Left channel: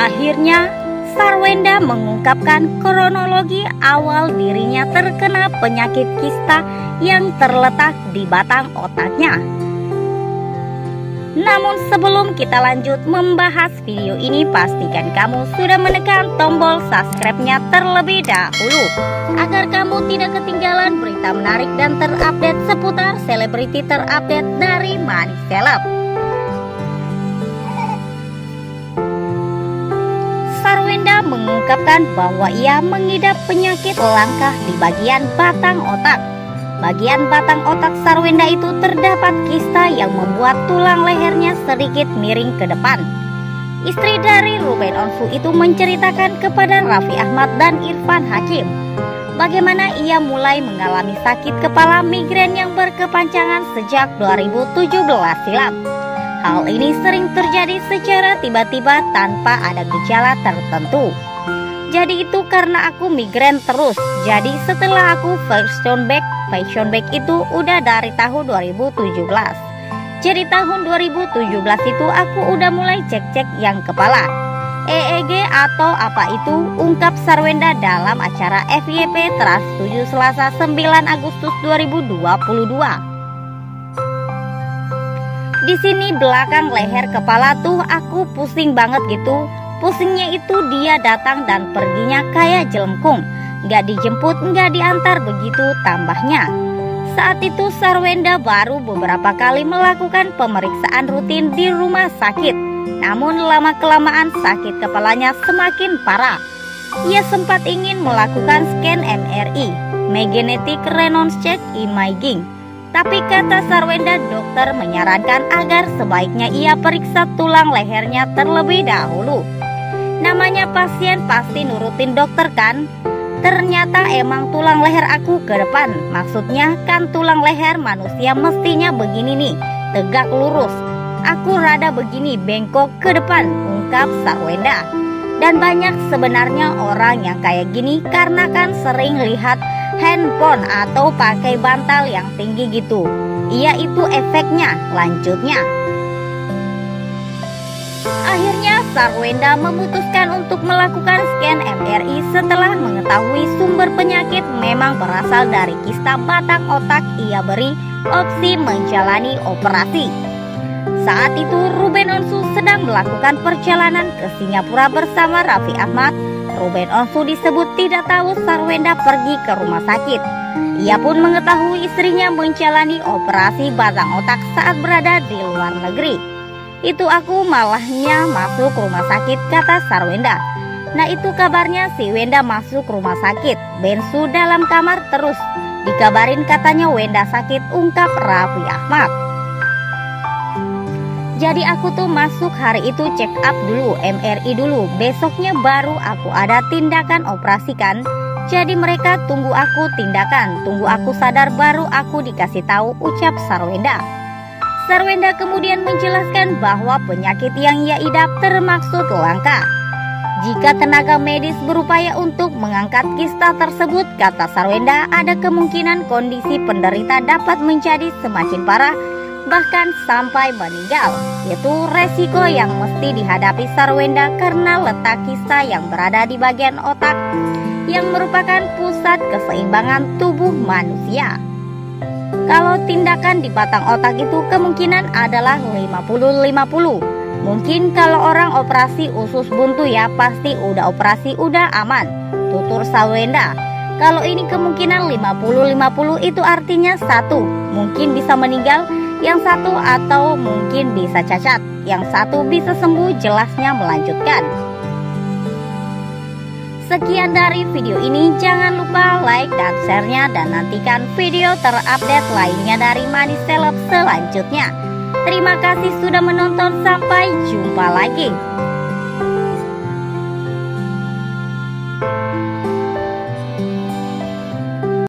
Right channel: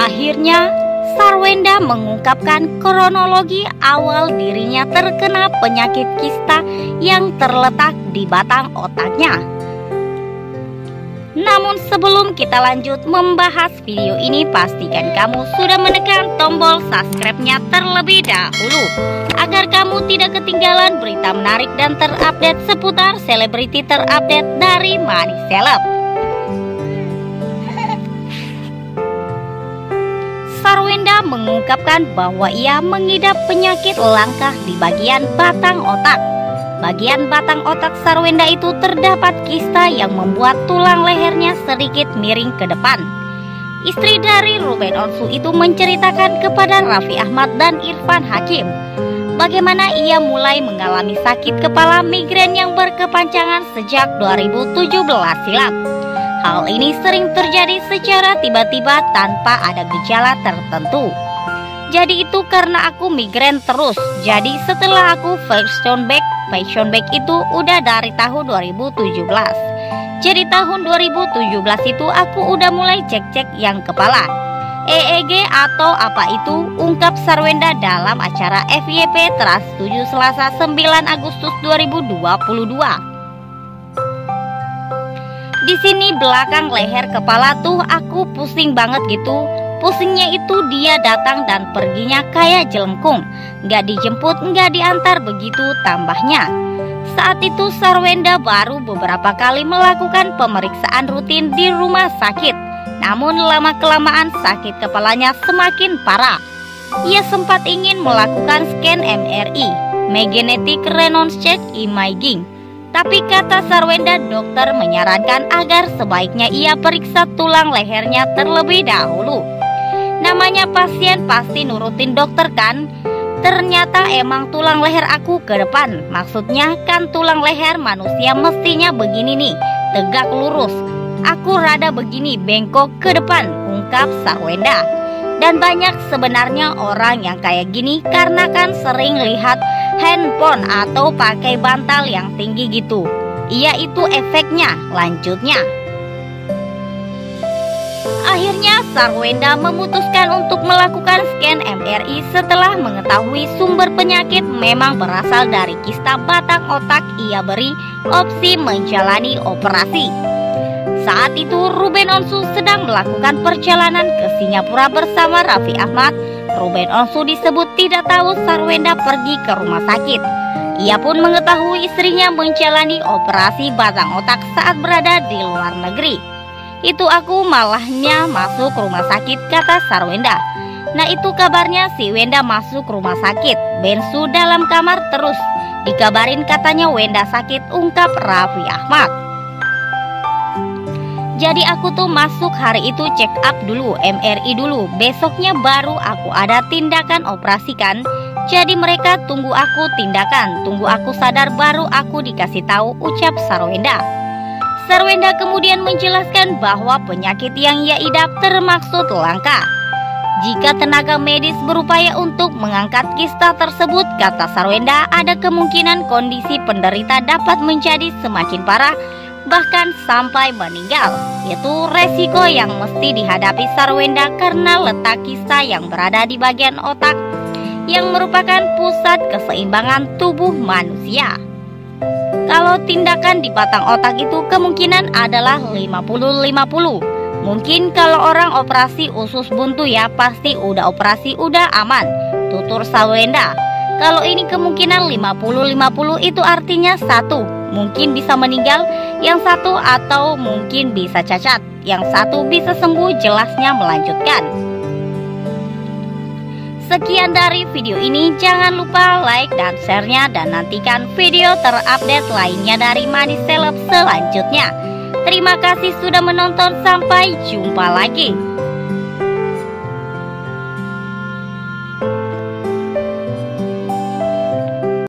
Akhirnya, Sarwenda mengungkapkan kronologi awal dirinya terkena penyakit kista yang terletak di batang otaknya. Namun sebelum kita lanjut membahas video ini, pastikan kamu sudah menekan tombol subscribe-nya terlebih dahulu agar kamu tidak ketinggalan berita menarik dan terupdate seputar selebriti terupdate dari Money Celeb. Sarwenda mengungkapkan bahwa ia mengidap penyakit langka di bagian batang otak. Bagian batang otak Sarwenda itu terdapat kista yang membuat tulang lehernya sedikit miring ke depan. Istri dari Ruben Onsu itu menceritakan kepada Raffi Ahmad dan Irfan Hakim bagaimana ia mulai mengalami sakit kepala migrain yang berkepanjangan sejak 2017 silam. Hal ini sering terjadi secara tiba-tiba tanpa ada gejala tertentu. Jadi itu karena aku migrain terus. Jadi setelah aku passion back itu udah dari tahun 2017. Jadi tahun 2017 itu aku udah mulai cek-cek yang kepala. EEG atau apa itu, ungkap Sarwenda dalam acara FYP Trans 7 Selasa 9 Agustus 2022. Di sini belakang leher kepala tuh aku pusing banget gitu. Pusingnya itu dia datang dan perginya kayak jelengkung. Nggak dijemput, nggak diantar begitu tambahnya. Saat itu Sarwenda baru beberapa kali melakukan pemeriksaan rutin di rumah sakit. Namun lama-kelamaan sakit kepalanya semakin parah. Ia sempat ingin melakukan scan MRI, Magnetic Resonance Imaging. Tapi kata Sarwenda, dokter menyarankan agar sebaiknya ia periksa tulang lehernya terlebih dahulu. Namanya pasien pasti nurutin dokter kan? Ternyata emang tulang leher aku ke depan. Maksudnya kan tulang leher manusia mestinya begini nih, tegak lurus. Aku rada begini, bengkok ke depan, ungkap Sarwenda. Dan banyak sebenarnya orang yang kayak gini karena kan sering lihat handphone atau pakai bantal yang tinggi gitu. Iya, itu efeknya. Lanjutnya, akhirnya Sarwenda memutuskan untuk melakukan scan MRI setelah mengetahui sumber penyakit memang berasal dari kista batang otak. Ia beri opsi menjalani operasi. Saat itu Ruben Onsu sedang melakukan perjalanan ke Singapura bersama Raffi Ahmad. Ruben Onsu disebut tidak tahu Sarwenda pergi ke rumah sakit. Ia pun mengetahui istrinya menjalani operasi batang otak saat berada di luar negeri. Itu aku malahnya masuk rumah sakit, kata Sarwenda. Nah itu kabarnya si Wenda masuk rumah sakit. Bensu dalam kamar terus. Dikabarin katanya Wenda sakit, ungkap Raffi Ahmad. Jadi aku tuh masuk hari itu check up dulu, MRI dulu. Besoknya baru aku ada tindakan operasi kan. Jadi mereka tunggu aku tindakan, tunggu aku sadar baru aku dikasih tahu, ucap Sarwenda. Sarwenda kemudian menjelaskan bahwa penyakit yang ia idap termaksud langka. Jika tenaga medis berupaya untuk mengangkat kista tersebut, kata Sarwenda, ada kemungkinan kondisi penderita dapat menjadi semakin parah, bahkan sampai meninggal. Itu resiko yang mesti dihadapi Sarwenda karena letak kista yang berada di bagian otak yang merupakan pusat keseimbangan tubuh manusia. Kalau tindakan di batang otak itu kemungkinan adalah 50-50. Mungkin kalau orang operasi usus buntu ya pasti udah operasi udah aman, tutur Sarwenda. Kalau ini kemungkinan 50-50 itu artinya satu mungkin bisa meninggal, yang satu atau mungkin bisa cacat, yang satu bisa sembuh, jelasnya melanjutkan. Sekian dari video ini, jangan lupa like dan share-nya dan nantikan video terupdate lainnya dari Money Celeb selanjutnya. Terima kasih sudah menonton, sampai jumpa lagi.